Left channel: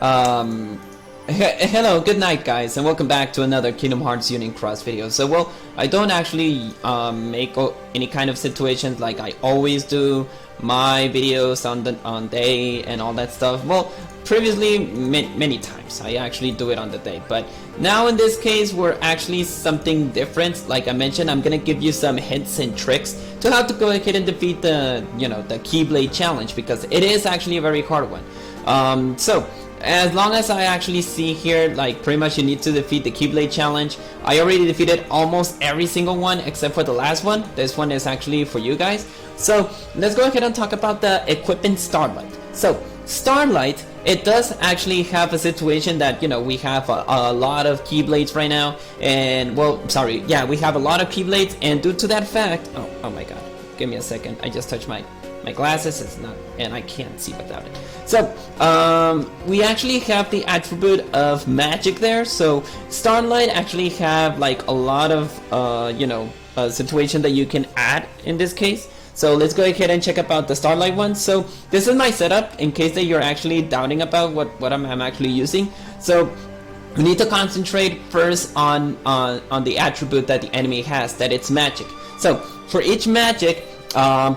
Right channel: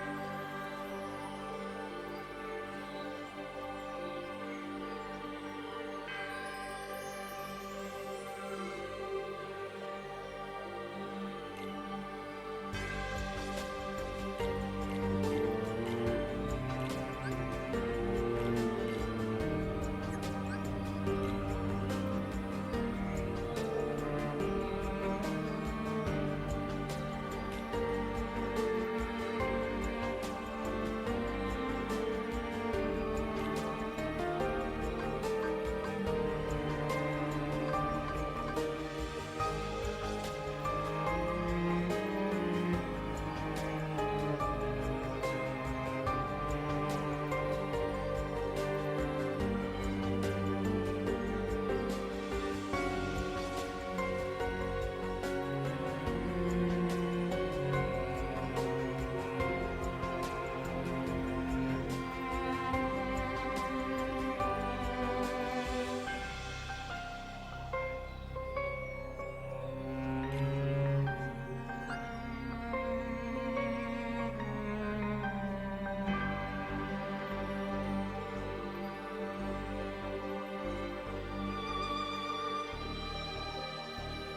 Um, Hello, good night guys, and welcome back to another Kingdom Hearts Union Cross video. So well, I don't actually make any kind of situations like I always do my videos on day and all that stuff. Well, previously many times I actually do it on the day, but now in this case we're actually something different. Like I mentioned, I'm gonna give you some hints and tricks to how to go ahead and defeat the the Keyblade challenge, because it is actually a very hard one. So as long as I actually see here, like pretty much you need to defeat the Keyblade challenge. I already defeated almost every single one except for the last one. This one is actually for you guys. So let's go ahead and talk about the equipping Starlight. So Starlight, it does actually have a situation that we have a lot of Keyblades right now, and well, sorry, yeah, we have a lot of Keyblades, and due to that fact, oh my god, give me a second, I just touched my glasses, it's not, and I can't see without it. So we actually have the attribute of magic there. So Starlight actually have like a lot of situation that you can add in this case. So let's go ahead and check about the Starlight one. So this is my setup in case that you're actually doubting about what I'm actually using. So we need to concentrate first on the attribute that the enemy has, that it's magic. So for each magic,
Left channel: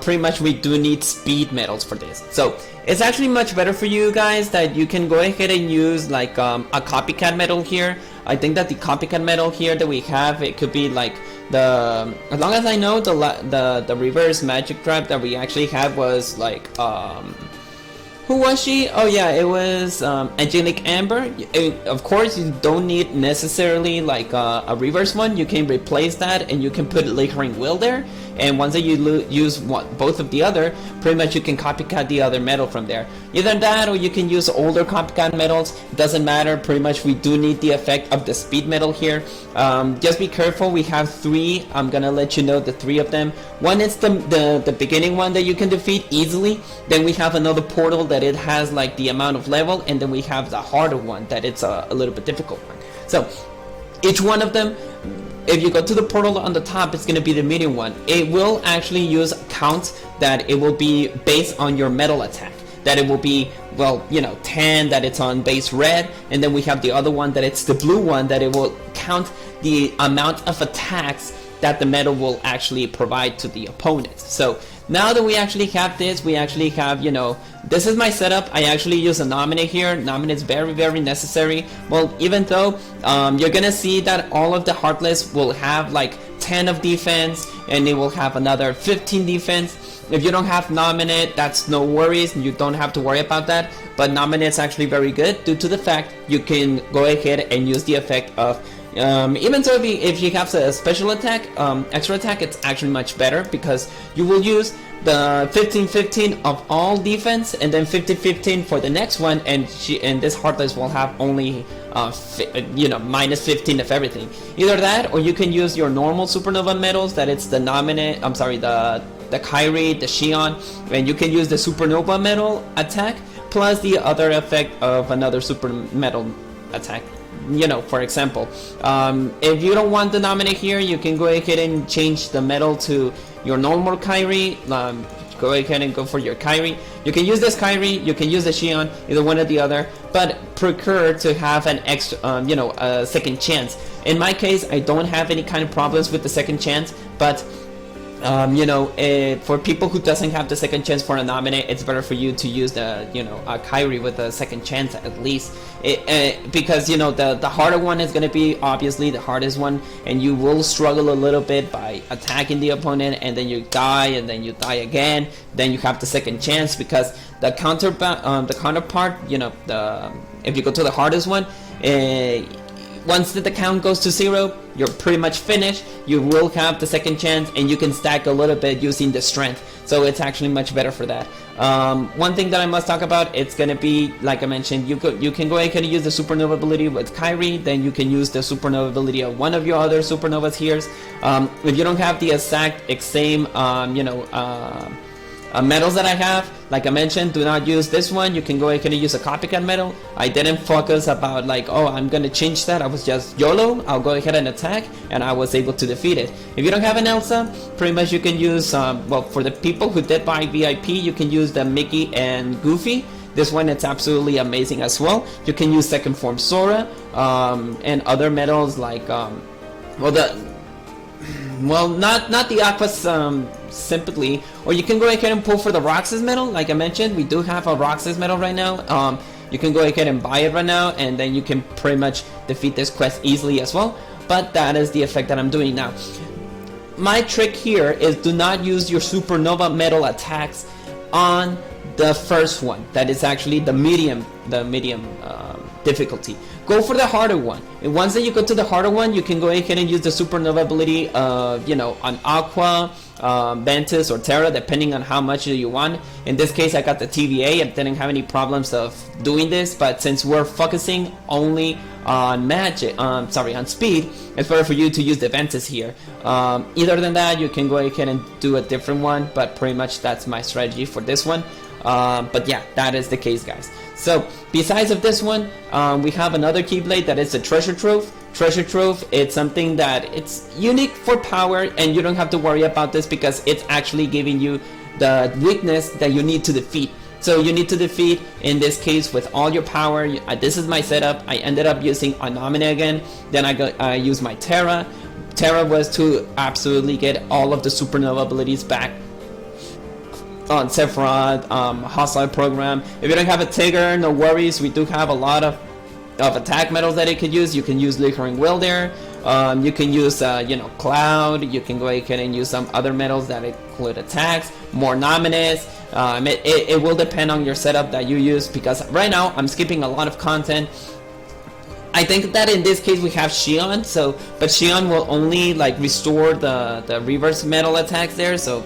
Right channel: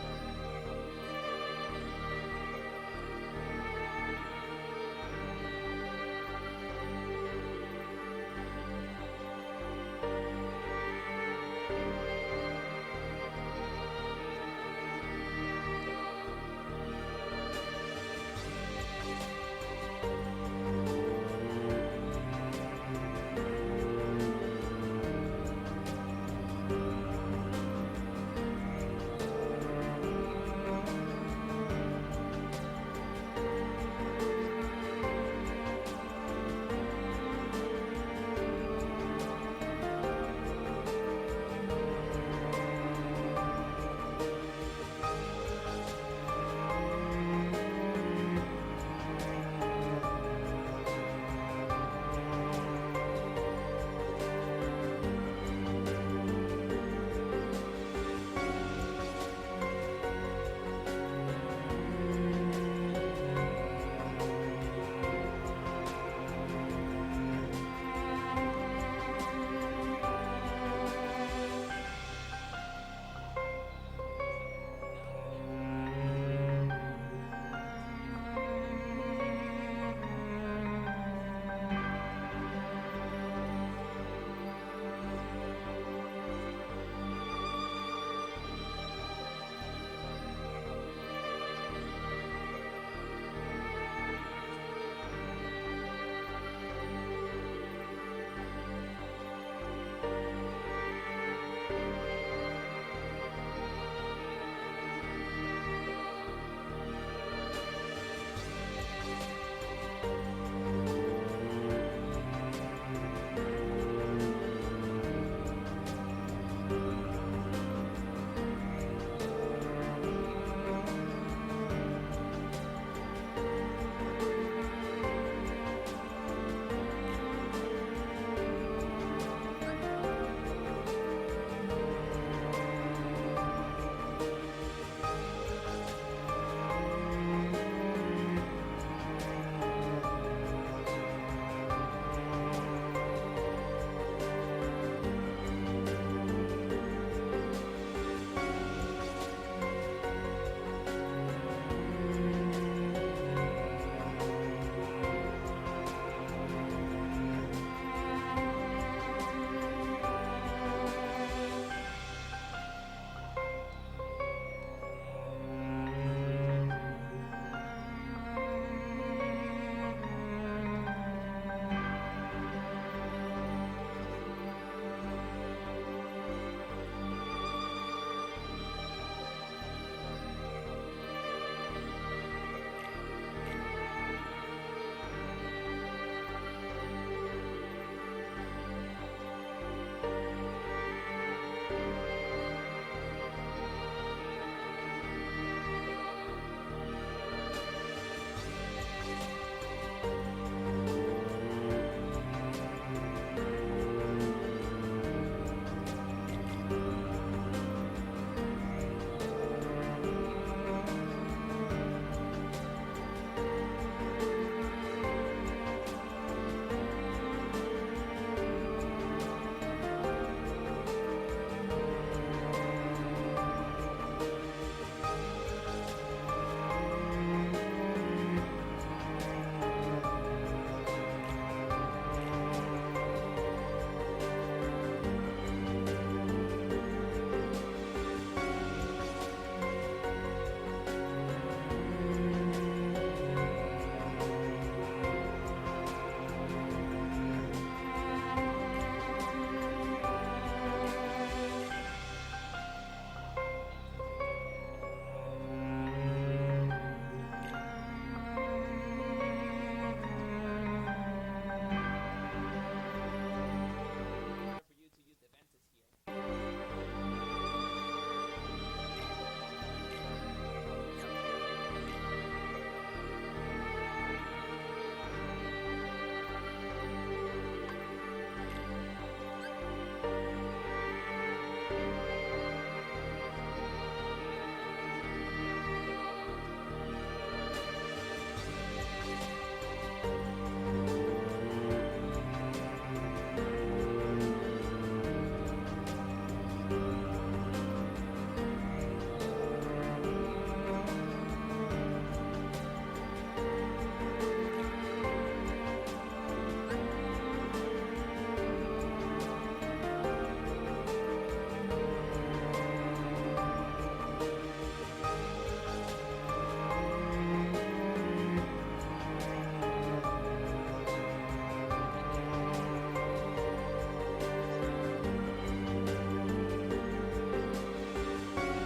pretty much we do need speed medals for this. So it's actually much better for you guys that you can go ahead and use like a copycat medal here. I think that the copycat medal here that we have, it could be like as long as I know, the reverse magic trap that we actually had was like who was she? Oh yeah, it was Angelic Amber. Of course, you don't need necessarily like a reverse one. You can replace that and you can put Lingering Will there. And once that you use both of the other, pretty much you can copycat the other medal from there. Either that or you can use older copycat medals. Doesn't matter, pretty much we do need the effect of the speed medal here. Just be careful, we have 3. I'm gonna let you know the 3 of them. One is the beginning one that you can defeat easily. Then we have another portal that it has like the amount of level, and then we have the harder one that it's a little bit difficult one. So each one of them, if you go to the portal on the top, it's going to be the medium one. It will actually use count that it will be based on your metal attack. That it will be, well, 10 that it's on base red, and then we have the other one that it's the blue one that it will count the amount of attacks that the metal will actually provide to the opponent. So now that we actually have this, we actually have, this is my setup. I actually use a Namine here. Namine is very, very necessary. Well, even though you're gonna see that all of the Heartless will have like 10 of defense, and it will have another 15 defense. If you don't have Namine, that's no worries. You don't have to worry about that. But Namine is actually very good due to the fact you can go ahead and use the effect of even so, if she has a special attack, extra attack, it's actually much better because you will use the 15-15 of all defense and then 15-15 for the next one, and this Heartless will have only minus 15 of everything. Either that, or you can use your normal supernova medals, that it's the Namine, I'm sorry, the Kyrie, the Xion, and you can use the supernova medal attack plus the other effect of another super medal attack. For example, if you don't want the Namine here, you can go ahead and change the medal to your normal Kyrie. Go ahead and go for your Kyrie. You can use this Kyrie, you can use the Xion, either one or the other, but prefer to have an extra, a second chance. In my case, I don't have any kind of problems with the second chance, but for people who doesn't have the second chance for a Namine, it's better for you to use the a Kyrie with a second chance at least, because the harder one is going to be obviously the hardest one, and you will struggle a little bit by attacking the opponent, and then you die, and then you die again. Then you have the second chance because the counterpart, if you go to the hardest one, once the count goes to 0, you're pretty much finished. You will have the second chance, and you can stack a little bit using the strength. So it's actually much better for that. One thing that I must talk about, it's gonna be, like I mentioned, you can go ahead and use the supernova ability with Kyrie. Then you can use the supernova ability of one of your other supernovas here. If you don't have the exact same medals that I have, like I mentioned, do not use this one. You can go ahead and use a copycat medal. I didn't focus about like, oh, I'm gonna change that. I was just YOLO, I'll go ahead and attack, and I was able to defeat it. If you don't have an Elsa, pretty much you can use, well, for the people who did buy VIP, you can use the Mickey and Goofy. This one, it's absolutely amazing as well. You can use second form Sora and other medals like not the Aquas simply, or you can go ahead and pull for the Roxas medal. Like I mentioned, we do have a Roxas medal right now. You can go ahead and buy it right now, and then you can pretty much defeat this quest easily as well. But that is the effect that I'm doing now. My trick here is do not use your Supernova medal attacks on the first one. That is actually the medium difficulty. Go for the harder one. And once that you go to the harder one, you can go ahead and use the Supernova ability of, on Aqua, Ventus, or Terra, depending on how much you want. In this case, I got the TVA. I didn't have any problems of doing this, but since we're focusing only on magic, on speed, it's better for you to use the Ventus here. Either than that, you can go ahead and do a different one, but pretty much that's my strategy for this one. But yeah, that is the case, guys. So besides of this one, we have another Keyblade that is a Treasure Trove. Treasure Trove, it's something that it's unique for power, and you don't have to worry about this because it's actually giving you the weakness that you need to defeat. So you need to defeat, in this case, with all your power. This is my setup. I ended up using a Namine again. Then I used my Terra. Terra was to absolutely get all of the Supernova abilities back on Sephiroth, Hostile Program. If you don't have a Tigger, no worries. We do have a lot of attack medals that it could use. You can use Liquoring Will there. You can use Cloud. You can go ahead and use some other medals that include attacks, more Namines. It will depend on your setup that you use, because right now I'm skipping a lot of content. I think that in this case we have Xion, but Xion will only restore the reverse metal attacks there, so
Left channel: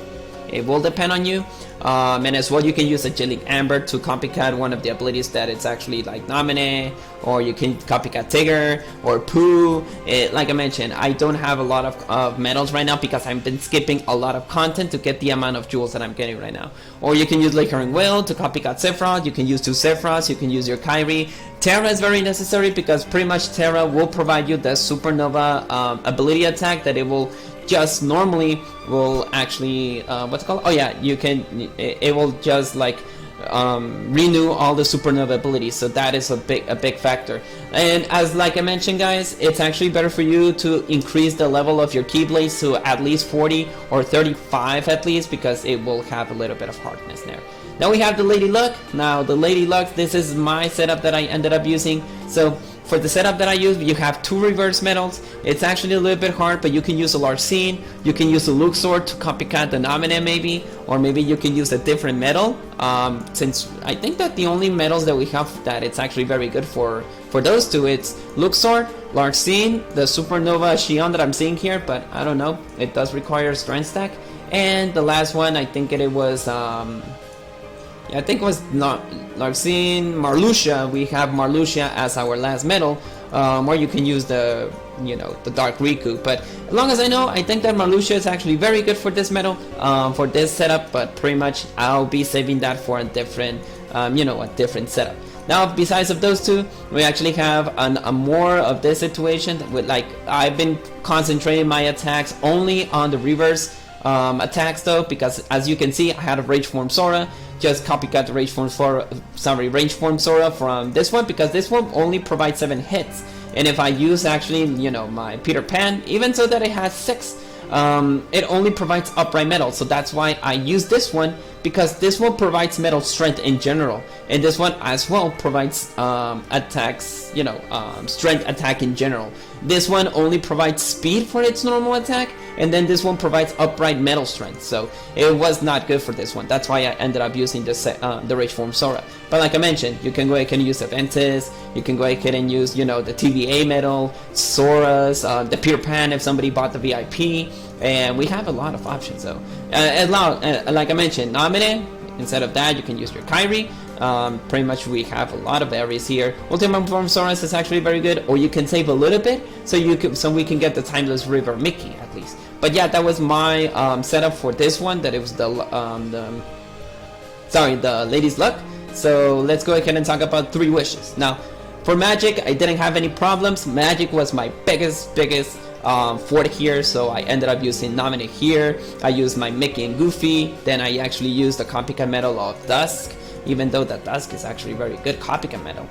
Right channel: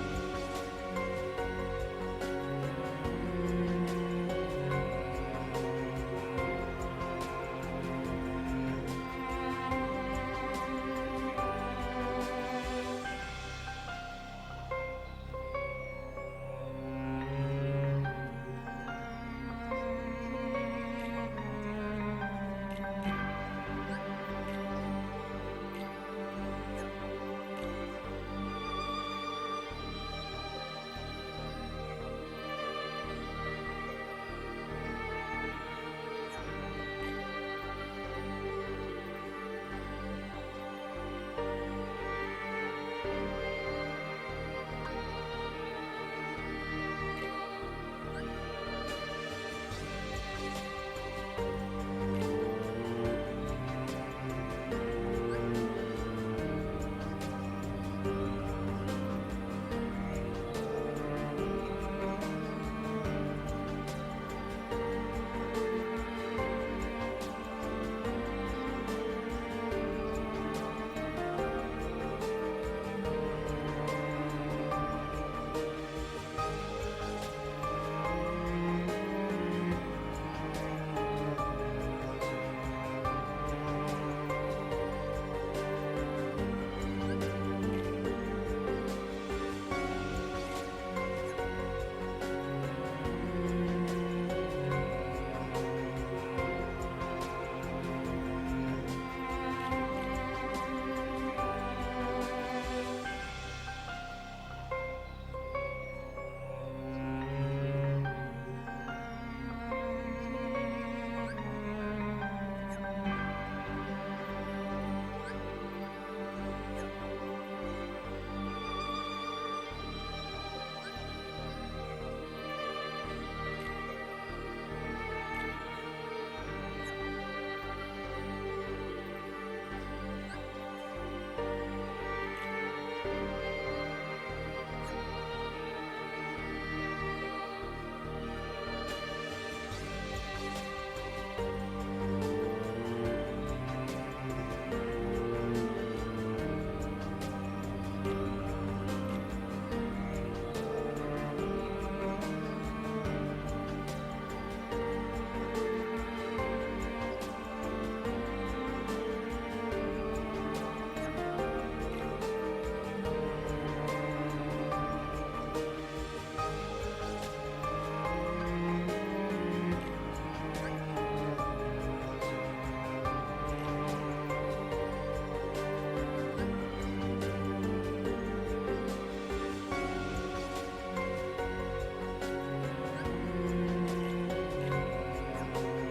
it will depend on you. And as well, you can use Angelic Amber to copycat one of the abilities that it's actually like Namine, or you can copycat Tigger or Pooh. Like I mentioned, I don't have a lot of medals right now because I've been skipping a lot of content to get the amount of jewels that I'm getting right now. Or you can use Liquoring Will to copycat Sephiroth. You can use two Sephiroths. You can use your Kyrie. Terra is very necessary because pretty much Terra will provide you the Supernova ability attack that it will just normally will actually what's it called? Oh yeah, you can. It will just renew all the Supernova abilities, so that is a big factor. And as like I mentioned, guys, it's actually better for you to increase the level of your Keyblades to at least 40 or 35 at least, because it will have a little bit of hardness there. Now we have the Lady Luck. Now the Lady Luck, this is my setup that I ended up using. So for the setup that I use, you have two reverse medals. It's actually a little bit hard, but you can use a Larcene, you can use a Luxor to copycat the Namine maybe, or maybe you can use a different medal. Since I think that the only medals that we have that it's actually very good for those two, it's Luxor, Larcene, the Supernova Xion that I'm seeing here, but I don't know, it does require strength stack. And the last one, I think it was I think it was not Larcene, Marluxia. We have Marluxia as our last medal, or you can use the Dark Riku. But as long as I know, I think that Marluxia is actually very good for this medal, for this setup. But pretty much, I'll be saving that for a different, a different setup. Now, besides of those two, we actually have a more of this situation with I've been concentrating my attacks only on the reverse attacks though, because as you can see, I had a Rage Form Sora. Just copycat the Rage Form Sora from this one, because this one only provides 7 hits, and if I use actually my Peter Pan, even so that it has 6, it only provides upright metal. So that's why I use this one, because this one provides metal strength in general, and this one as well provides attacks, strength attack in general. This one only provides speed for its normal attack, and then this one provides upright metal strength, so it was not good for this one. That's why I ended up using the Rage Form Sora. But like I mentioned, you can go ahead and use Aventus, you can go ahead and use the TVA medal, Sora's, the Peter Pan if somebody bought the VIP, and we have a lot of options though. Like I mentioned, Namine, instead of that you can use your Kyrie. Pretty much we have a lot of areas here. Ultimate Form Soros is actually very good, or you can save a little bit so we can get the Timeless River Mickey at least. But yeah, that was my setup for this one. That it was the Lady's Luck. So let's go ahead and talk about 3 wishes. Now, for Magic, I didn't have any problems. Magic was my biggest fort here, so I ended up using Namine here. I used my Mickey and Goofy. Then I actually used the copycat medal of Dusk. even though the Dusk is actually very good copycat metal.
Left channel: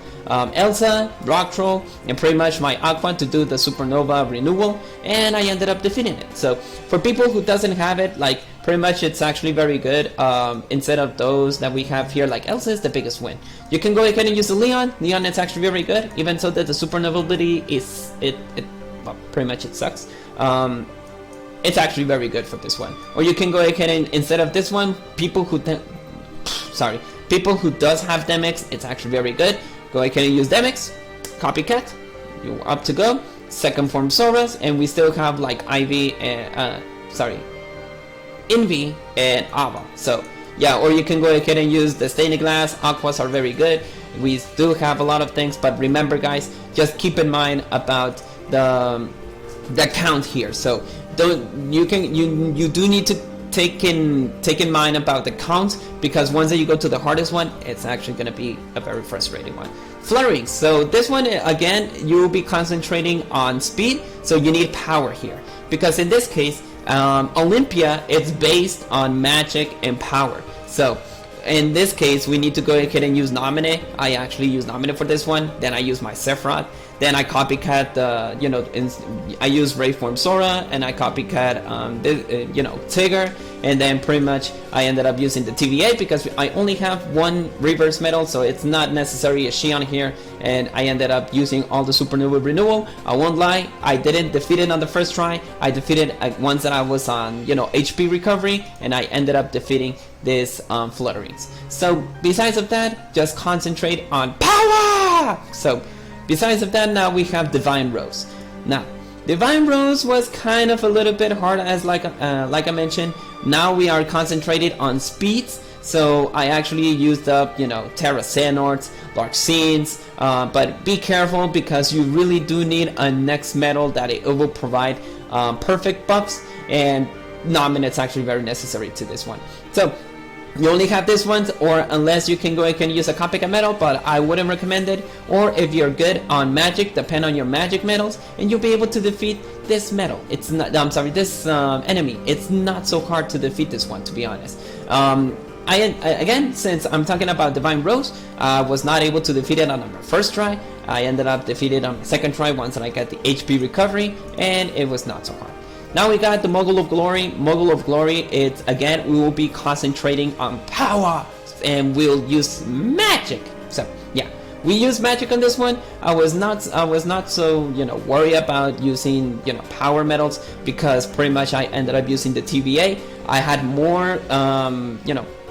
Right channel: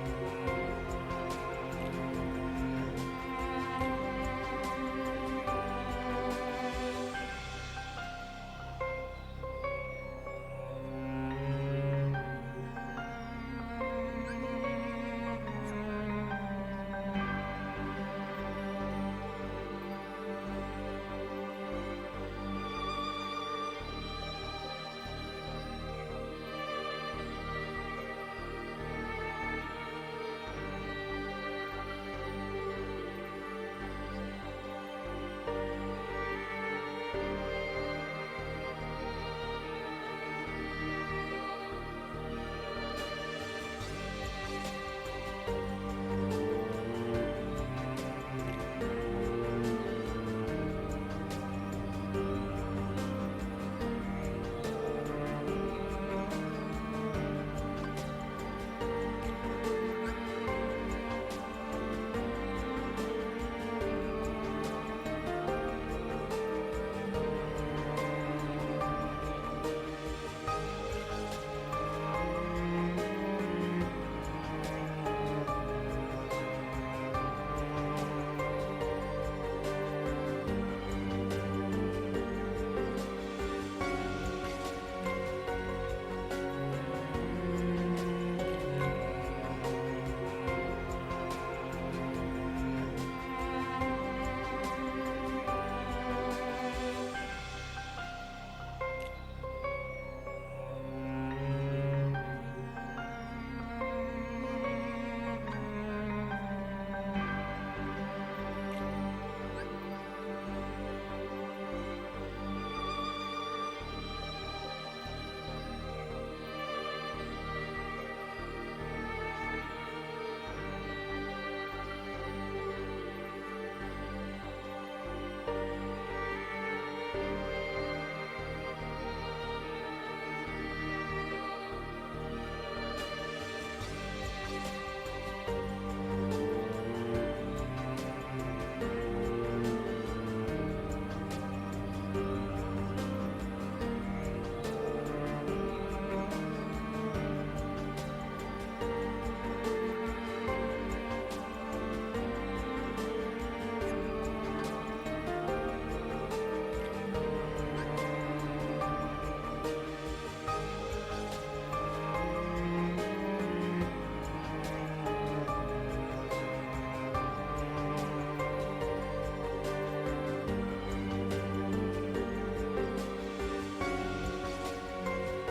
Elsa, Rock Troll, and pretty much my Aqua to do the Supernova renewal, and I ended up defeating it. So for people who doesn't have it, like pretty much it's actually very good. Instead of those that we have here, like Elsa is the biggest win. You can go ahead and use the Leon. Leon is actually very good, even so that the Supernova ability is well, pretty much it sucks. It's actually very good for this one. Or you can go ahead and instead of this one, people who does have Demix, it's actually very good. Go ahead and use Demix, Copycat, you're up to go. Second form Soras, and we still have like Ivy and Envy and Ava. So yeah, or you can go ahead and use the Stained Glass. Aquas are very good. We do have a lot of things, but remember guys, just keep in mind about the count here. So you do need to take in mind about the count, because once that you go to the hardest one, it's actually going to be a very frustrating one. Flirting. So this one again, you will be concentrating on speed, so you need power here, because in this case Olympia, it's based on magic and power. So in this case we need to go ahead and use Namine. I actually use Namine for this one, then I use my Sephiroth, then I copycat the I use Rayform Sora, and I copycat Tigger, and then pretty much I ended up using the TVA because I only have one reverse medal, so it's not necessary a Xion here, and I ended up using all the Supernova renewal. I won't lie, I didn't defeat it on the first try. I defeated once that I was on HP recovery, and I ended up defeating this Flutterings. So besides of that, just concentrate on power. So besides of that, now we have Divine Rose. Now Divine Rose was kind of a little bit hard, as like I mentioned. Now we are concentrated on speeds, so I actually used up Terra Xehanorts, Dark Scenes, but be careful because you really do need a next medal that it will provide perfect buffs, and Namine it's actually very necessary to this one. So you only have this one, or unless you can go ahead and use a copycat medal, but I wouldn't recommend it. Or if you're good on magic, depend on your magic medals, and you'll be able to defeat this medal. It's not, this enemy. It's not so hard to defeat this one, to be honest. Again, since I'm talking about Divine Rose, I was not able to defeat it on the first try. I ended up defeated on the second try once I got the HP recovery, and it was not so hard. Now we got the Mogul of Glory. Mogul of Glory, it's again, we will be concentrating on power, and we'll use magic. So yeah, we use magic on this one. I was not so worried about using power medals, because pretty much I ended up using the TVA. I had more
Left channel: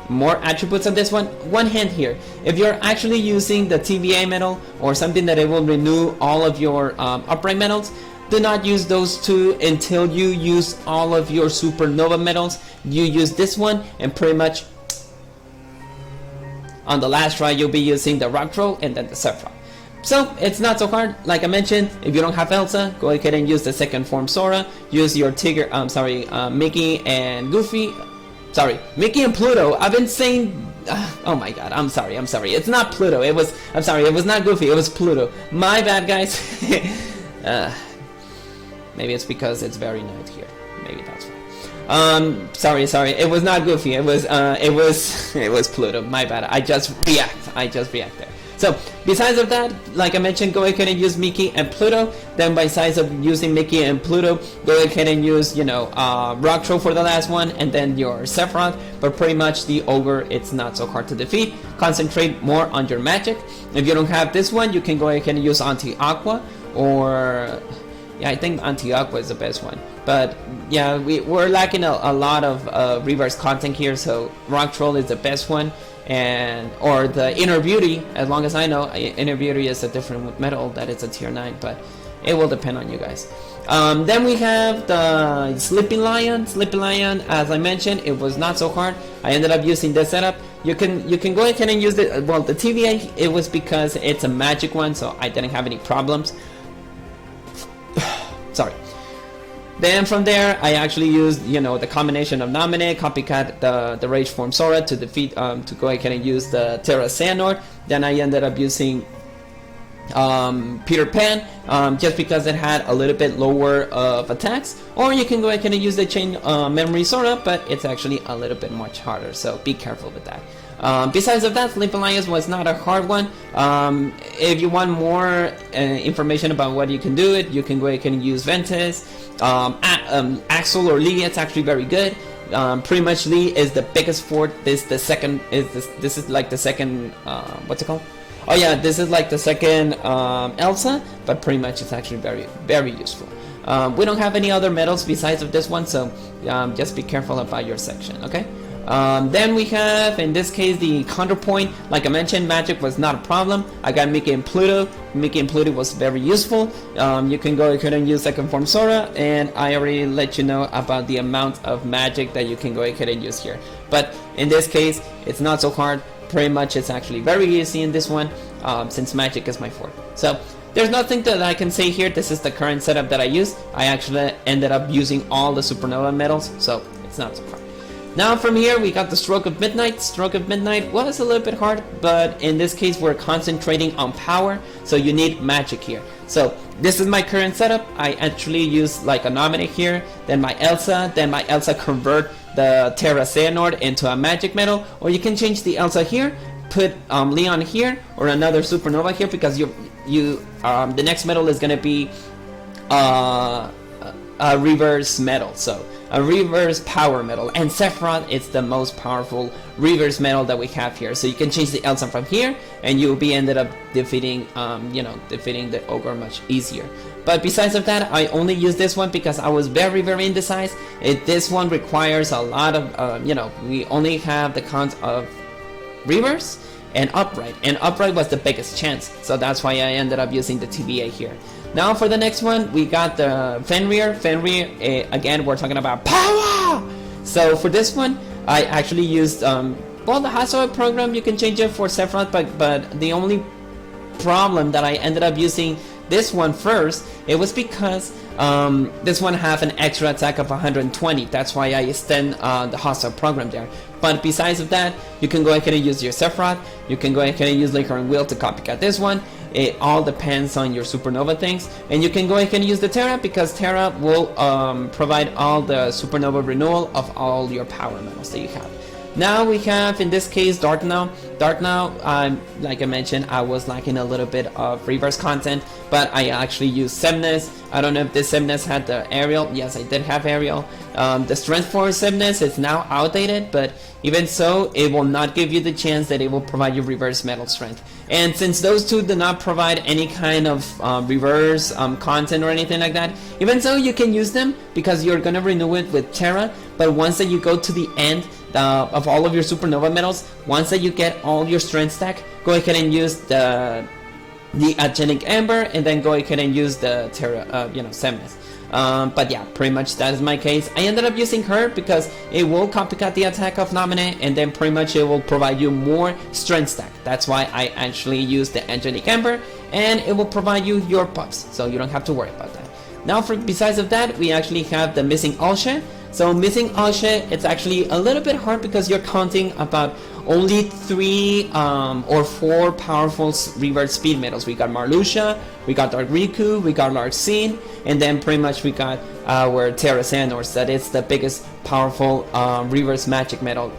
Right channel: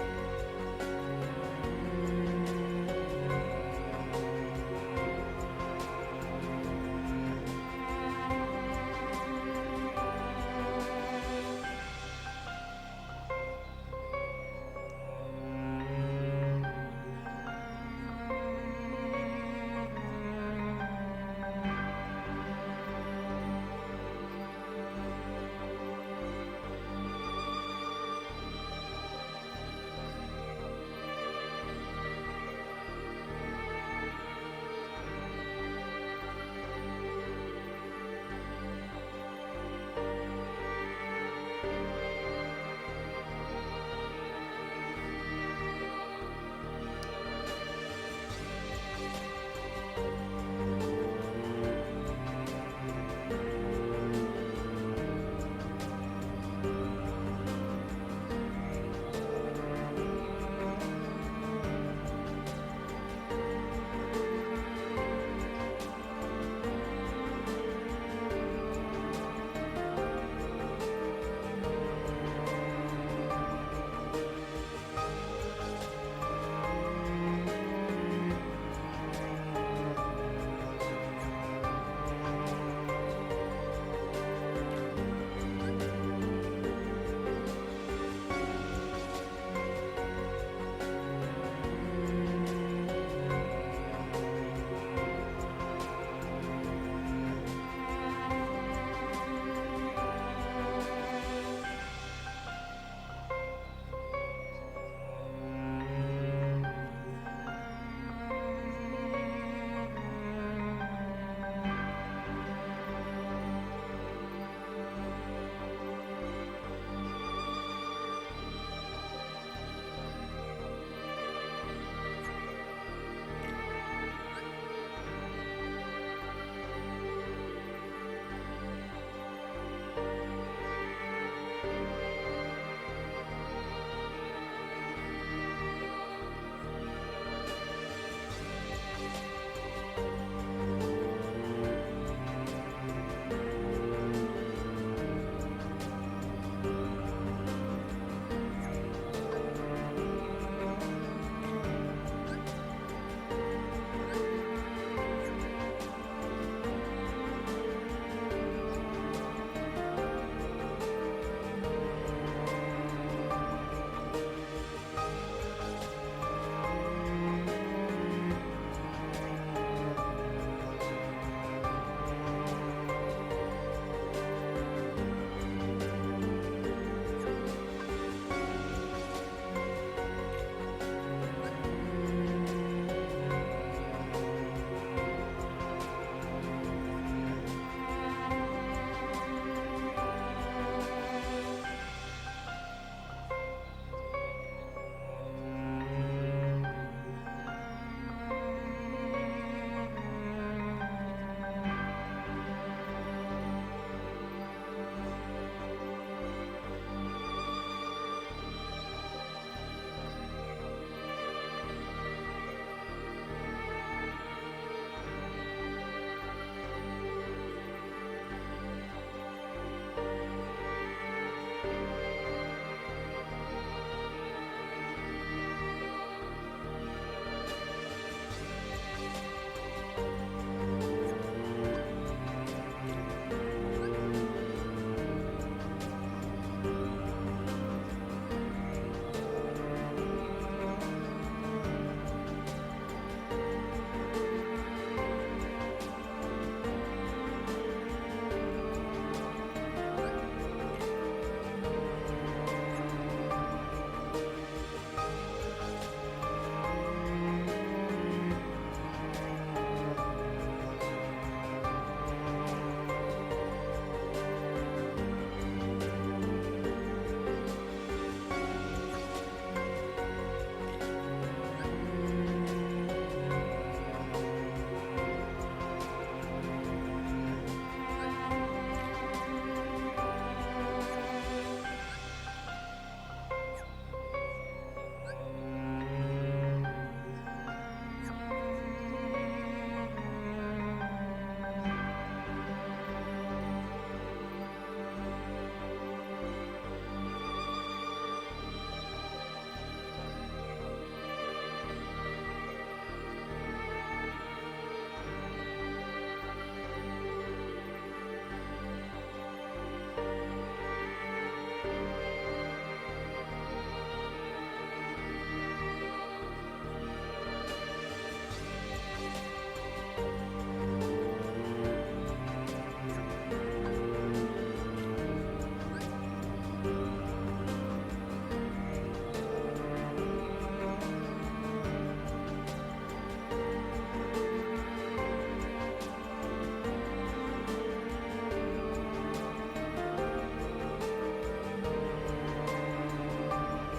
more attributes on this one. One hint here: if you're actually using the TVA medal or something that it will renew all of your upright medals, do not use those two until you use all of your Supernova medals. You use this one, and pretty much on the last try you'll be using the Rock Troll and then the Sephiroth. So it's not so hard. Like I mentioned, if you don't have Elsa, go ahead and use the second form Sora. Use your Tigger, Mickey and Goofy. Sorry, Mickey and Pluto. I've been saying. Oh my god, I'm sorry. It's not Pluto. It was not Goofy. It was Pluto. My bad, guys. Maybe it's because it's very nice here. Maybe that's why. Sorry. It was not Goofy. It was Pluto. My bad. I just react there. So besides of that, like I mentioned, go ahead and use Mickey and Pluto. Then besides of using Mickey and Pluto, go ahead and use Rock Troll for the last one, and then your Sephiroth. But pretty much the Ogre, it's not so hard to defeat. Concentrate more on your magic. If you don't have this one, you can go ahead and use Anti-Aqua, or yeah, I think Anti-Aqua is the best one. But yeah, we're lacking a lot of reverse content here, so Rock Troll is the best one. Or the Inner Beauty, as long as I know, Inner Beauty is a different medal, that it's a tier 9, but it will depend on you guys. Then we have the Sleeping Lion. Sleeping Lion, as I mentioned, it was not so hard. I ended up using this setup. You can go ahead and use the TVA. It was because it's a magic one, so I didn't have any problems. Sorry. Then from there, I actually used, the combination of Namine, copycat the Rage Form Sora to defeat, to go ahead and use the Terra Xehanort. Then I ended up using Peter Pan, just because it had a little bit lower of attacks. Or you can go ahead and use the Chain Memory Sora, but it's actually a little bit much harder, so be careful with that. Besides of that, Flip Alliance was not a hard one. If you want more information about what you can do it, you can go ahead and use Ventus. Axel or Lee, it's actually very good. Pretty much Lee is the biggest fort. This is like the second what's it called? Oh yeah, this is like the second Elsa, but pretty much it's actually very useful. We don't have any other medals besides of this one, so just be careful about your section, okay? Then we have, in this case, the Counterpoint. Like I mentioned, magic was not a problem. I got Mickey and Pluto. Mickey and Pluto was very useful. You can go ahead and use second form Sora, and I already let you know about the amount of magic that you can go ahead and use here. But in this case, it's not so hard. Pretty much it's actually very easy in this one, since magic is my fort. So there's nothing that I can say here. This is the current setup that I use. I actually ended up using all the Supernova medals, so it's not so hard. Now from here we got the Stroke of Midnight. Stroke of Midnight was a little bit hard, but in this case we're concentrating on power, so you need magic here. So this is my current setup. I actually use like a Namine here, then my Elsa convert the Terra Xehanort into a magic medal, or you can change the Elsa here, put Leon here, or another Supernova here, because the next medal is gonna be a reverse medal, so a reverse power medal, and Sephiroth is the most powerful reverse medal that we have here. So you can change the Elsa from here, and you'll be ended up defeating, defeating the ogre much easier. But besides of that, I only use this one because I was very indecisive. This one requires a lot of, we only have the count of reverse and upright was the biggest chance, so that's why I ended up using the TVA here. Now for the next one, we got the Fenrir. Again, we're talking about power! So for this one, I actually used, the Hasoe program, you can change it for Sephiroth, but the only problem that I ended up using this one first, it was because this one have an extra attack of 120. That's why I extend the Hasoe program there. But besides of that, you can go ahead and use your Sephiroth. You can go ahead and use Laker and Will to copycat this one. It all depends on your Supernova things. And you can go ahead and use the Terra, because Terra will provide all the Supernova renewal of all your power medals that you have. Now we have, in this case, Dark Now. Dark Now, like I mentioned, I was lacking a little bit of reverse content, but I actually used Semnes. I don't know if this Semnes had the aerial. Yes, I did have aerial. The strength for Semnes is now outdated, but even so, it will not give you the chance that it will provide you reverse metal strength. And since those two do not provide any kind of reverse content or anything like that, even so, you can use them because you're gonna renew it with Terra. But once that you go to the end of all of your Supernova medals, once that you get all your strength stack, go ahead and use the Agenic Ember, and then go ahead and use the Terra, Semnes. But yeah, pretty much that is my case. I ended up using her because it will copycat the attack of Namine, and then pretty much it will provide you more strength stack. That's why I actually use the Angelic Ember, and it will provide you your buffs, so you don't have to worry about that. Now besides of that, we actually have the Missing Alshe. So Missing Alshe, it's actually a little bit hard because you're counting about only 3 or 4 powerful reverse speed medals. We got Marluxia, we got Dark Riku, we got Larxene, and then pretty much we got our Terra Xehanort, that is the biggest powerful reverse magic medal,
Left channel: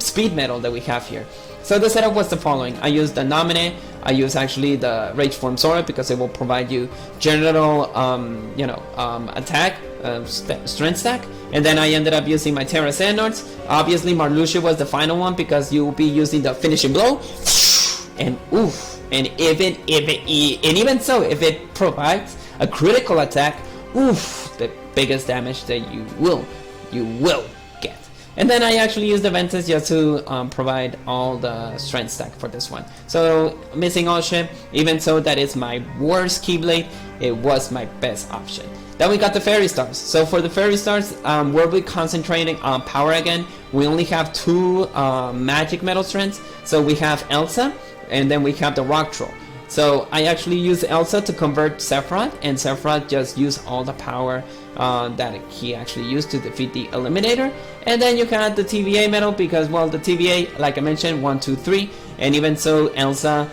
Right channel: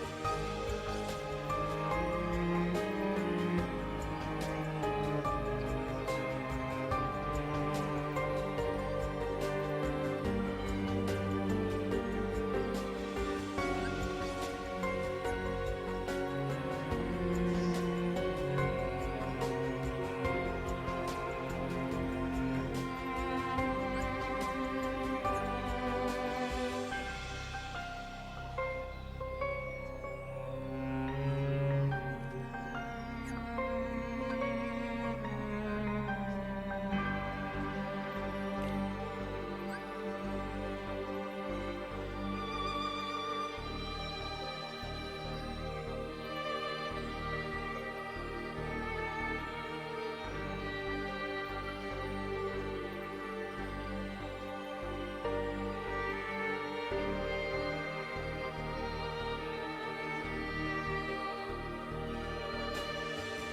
speed medal that we have here. So the setup was the following. I used the Namine, I use actually the Rage Form Sora because it will provide you general, attack, strength stack, and then I ended up using my Terra Xehanort. Obviously, Marluxia was the final one because you will be using the finishing blow, and oof. And even so, if it provides a critical attack, oof, the biggest damage that you will get. And then I actually use the Ventus just to provide all the strength stack for this one. So Missing Alshe, even so that is my worst Keyblade, it was my best option. Then we got the Fairy Stars. So for the Fairy Stars, we'll be concentrating on power again. We only have 2 magic metal strengths. So we have Elsa, and then we have the Rock Troll. So I actually use Elsa to convert Sephiroth, and Sephiroth just used all the power that he actually used to defeat the Eliminator. And then you got the TVA medal because, well, the TVA, like I mentioned, 1, 2, 3, and even so, Elsa,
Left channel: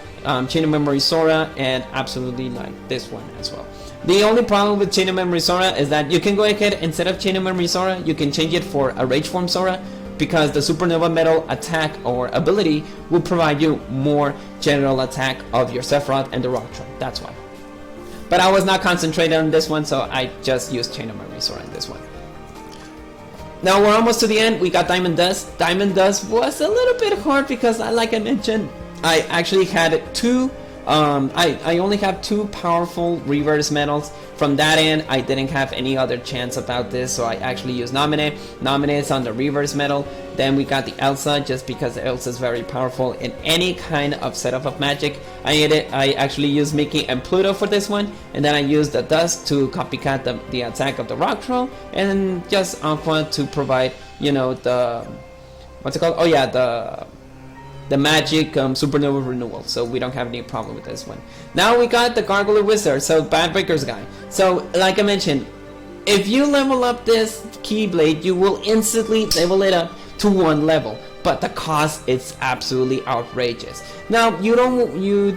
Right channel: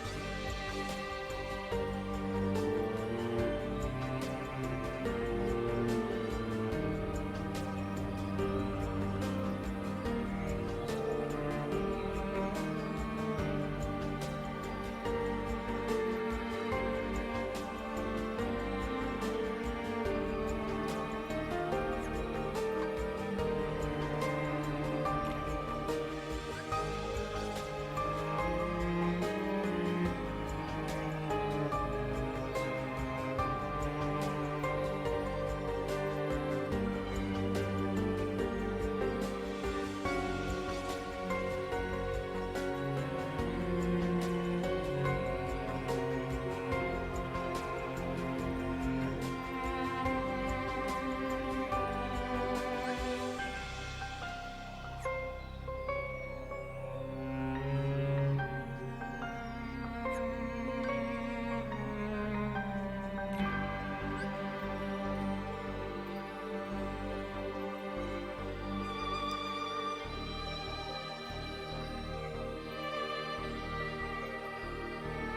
Chain of Memory Sora, and absolutely not this one as well. The only problem with Chain of Memory Sora is that you can go ahead, instead of Chain of Memory Sora, you can change it for a Rage Form Sora, because the supernova metal attack or ability will provide you more general attack of your Sephiroth and the rock troll. That's why. But I was not concentrated on this one, so I just used Chain of Memory Sword on this one. Now we're almost to the end. We got Diamond Dust. Diamond Dust was a little bit hard because, like I mentioned, I actually had two. I only have two powerful reverse medals. From that end, I didn't have any other chance about this, so I actually used Namine. Namine is on the reverse medal. Then we got the Elsa, just because Elsa is very powerful in any kind of setup of magic. I actually used Mickey and Pluto for this one, and then I used the Dust to copycat the attack of the Rock Troll, and just Aqua to provide, you know, the what's it called? Oh yeah, the magic supernova renewal, so we don't have any problem with this one. Now we got the Gargoyle Wizard, so Backbreaker's guy. So like I mentioned, if you level up this Keyblade, you will instantly level it up to 1 level, but the cost is absolutely outrageous. Now you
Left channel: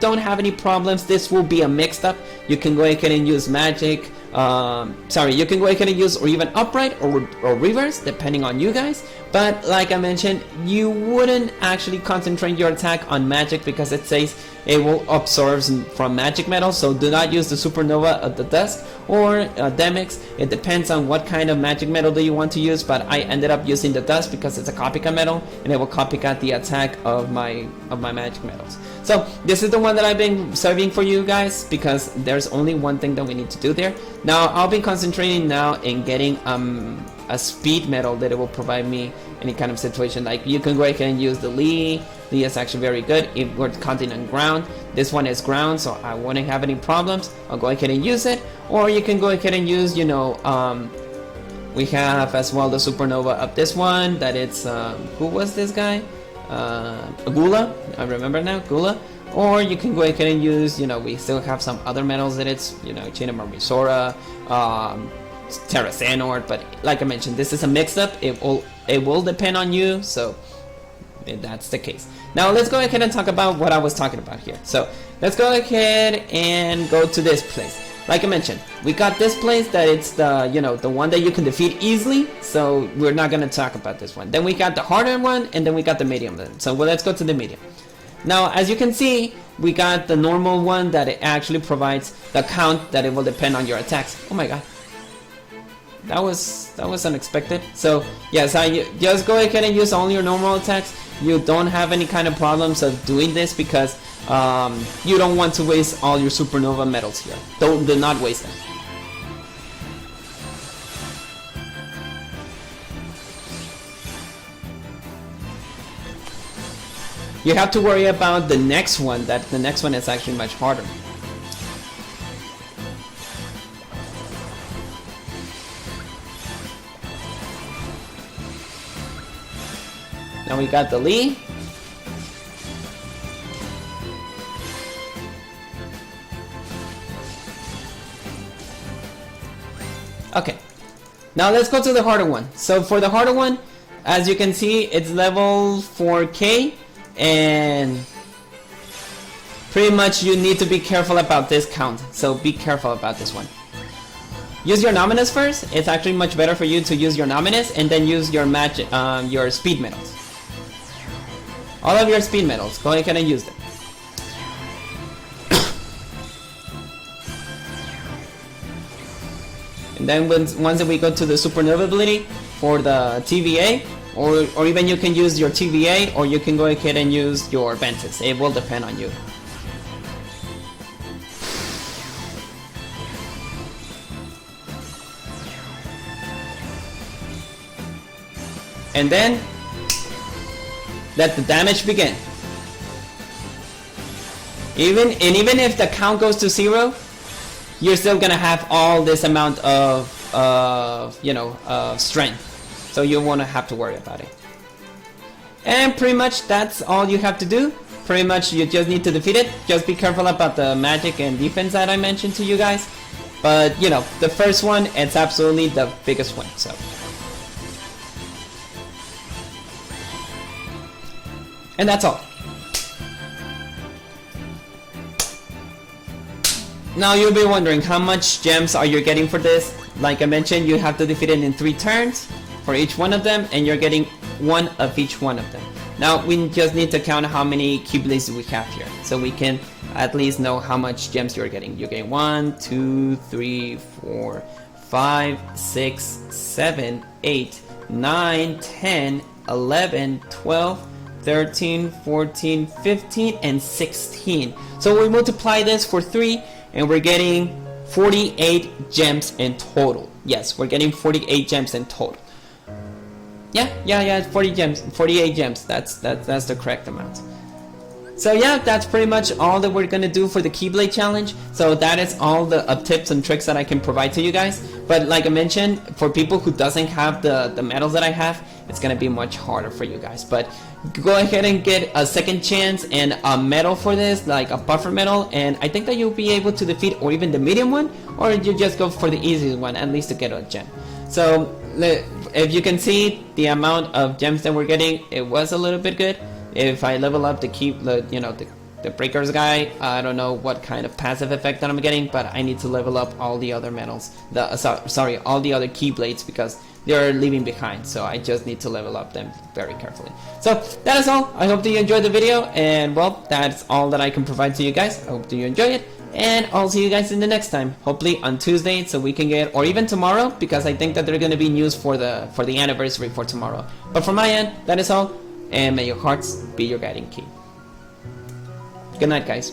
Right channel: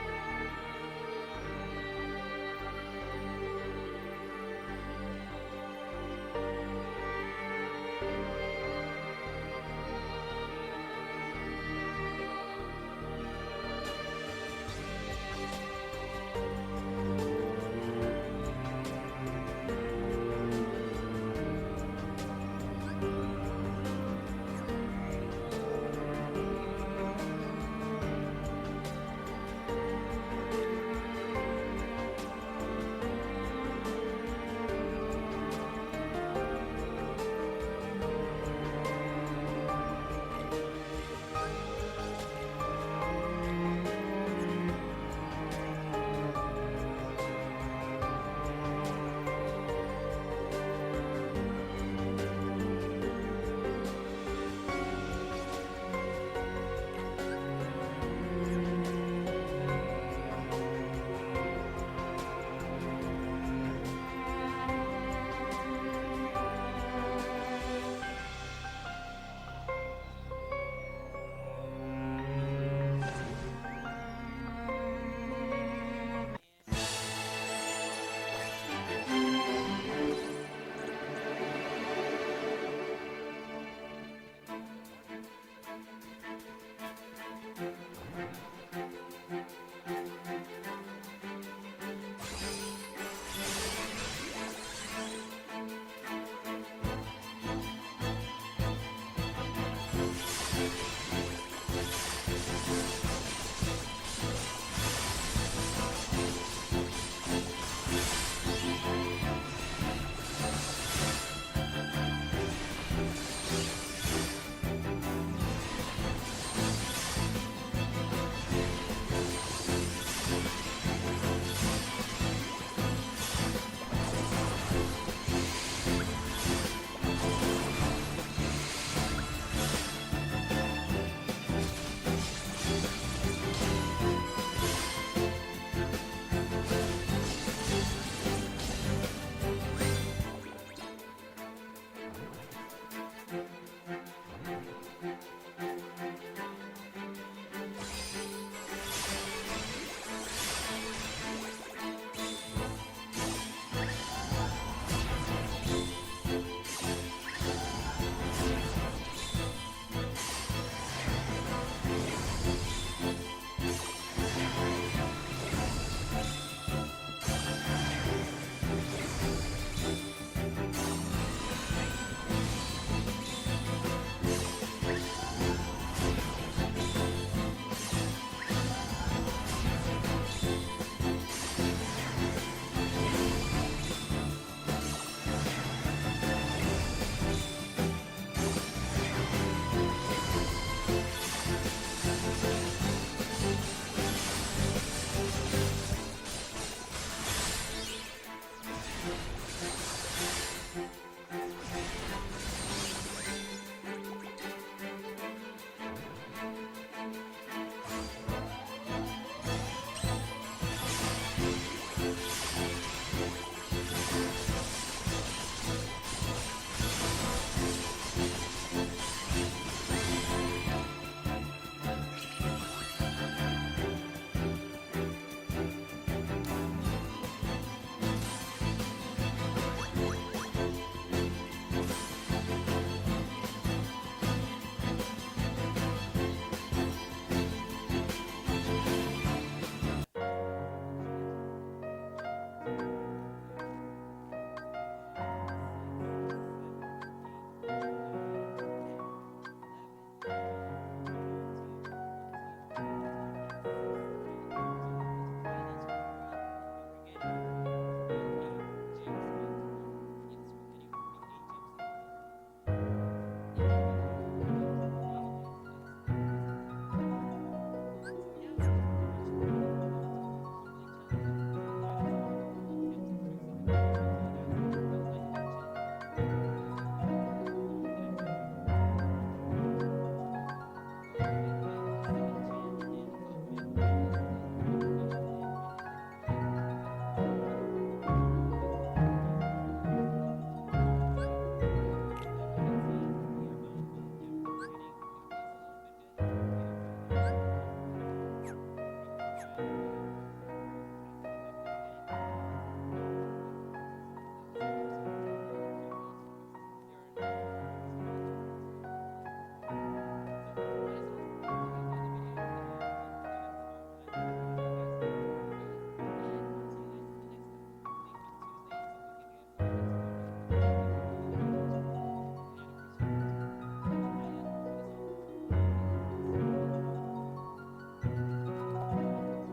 don't have any problems. This will be a mixed up. You can go ahead and use magic. You can go ahead and use or even upright or reverse, depending on you guys. But like I mentioned, you wouldn't actually concentrate your attack on magic because it says it will absorb from magic metal. So do not use the supernova of the Dust or Demix. It depends on what kind of magic metal do you want to use. But I ended up using the Dust because it's a copycat metal and it will copycat the attack of my magic metals. So this is the one that I've been serving for you guys because there's only one thing that we need to do there. Now I'll be concentrating now in getting a speed medal that it will provide me any kind of situation. Like you can go ahead and use the Lee. Lee is actually very good if we're counting on ground. This one is ground, so I wouldn't have any problems. I'll go ahead and use it. Or you can go ahead and use, you know, we have as well the supernova of this one. That it's who was this guy? Gula. I remember now, Gula. Or you can go ahead and use, you know, we still have some other metals that it's, you know, Chain of Memory Sora, Terra Xehanort, but like I mentioned, this is a mix-up. It will depend on you, so that's the case. Now let's go ahead and talk about what I was talking about here. So let's go ahead and go to this place. Like I mentioned, we got this place that it's the, you know, the one that you can defeat easily, so we're not going to talk about this one. Then we got the harder one, and then we got the medium one. So let's go to the medium. Now, as you can see, we got the normal one that it actually provides the count that it will depend on your attacks. Oh my god. That was unexpected. So yes, I just go ahead and use only your normal attacks. You don't have any kind of problems of doing this because you don't want to waste all your supernova medals here. Do not waste them. You have to worry about the next one. That the next one is actually much harder. Now we got the Lee. Okay. Now let's go to the harder one. So for the harder one, as you can see, it's level 4K, and pretty much you need to be careful about this count. So be careful about this one. Use your Namines first. It's actually much better for you to use your Namines and then use your your speed medals. All of your speed medals, go ahead and use them. And then once we go to the supernova ability for the TVA, or even you can use your TVA, or you can go ahead and use your Ventus. It will depend on you. And then let the damage begin. Even if the count goes to 0, you're still gonna have all this amount of strength, so you won't have to worry about it. And pretty much that's all you have to do. Pretty much you just need to defeat it. Just be careful about the magic and defense that I mentioned to you guys. But you know, the first one, it's absolutely the biggest one. So. And that's all. Now you'll be wondering how much gems are you getting for this. Like I mentioned, you have to defeat it in 3 turns for each one of them, and you're getting one of each one of them. Now we just need to count how many Keyblades we have here, so we can at least know how much gems you're getting. You get 1, 2, 3, 4, 5, 6, 7, 8, 9, 10, 11, 12, 13, 14, 15, and 16. So we multiply this for 3 and we're getting 48 gems in total. Yes, we're getting 48 gems in total. Yeah, 40 gems, 48 gems. That's the correct amount. So yeah, that's pretty much all that we're gonna do for the Keyblade challenge. So that is all the tips and tricks that I can provide to you guys. But like I mentioned, for people who doesn't have the medals that I have, it's gonna be much harder for you guys. But go ahead and get a second chance and a medal for this, like a buffer medal, and I think that you'll be able to defeat or even the medium one, or you just go for the easiest one, at least to get a gem. So if you can see the amount of gems that we're getting, it was a little bit good. If I level up the breakers guy, I don't know what kind of passive effect that I'm getting, but I need to level up all the other medals, all the other Keyblades, because they're leaving behind, so I just need to level up them very carefully. So that is all. I hope that you enjoyed the video, and well, that's all that I can provide to you guys. I hope that you enjoy it, and I'll see you guys in the next time, hopefully on Tuesday, so we can get, or even tomorrow, because I think that there are going to be news for the anniversary for tomorrow. But from my end, that is all, and may your hearts be your guiding key. Good night, guys.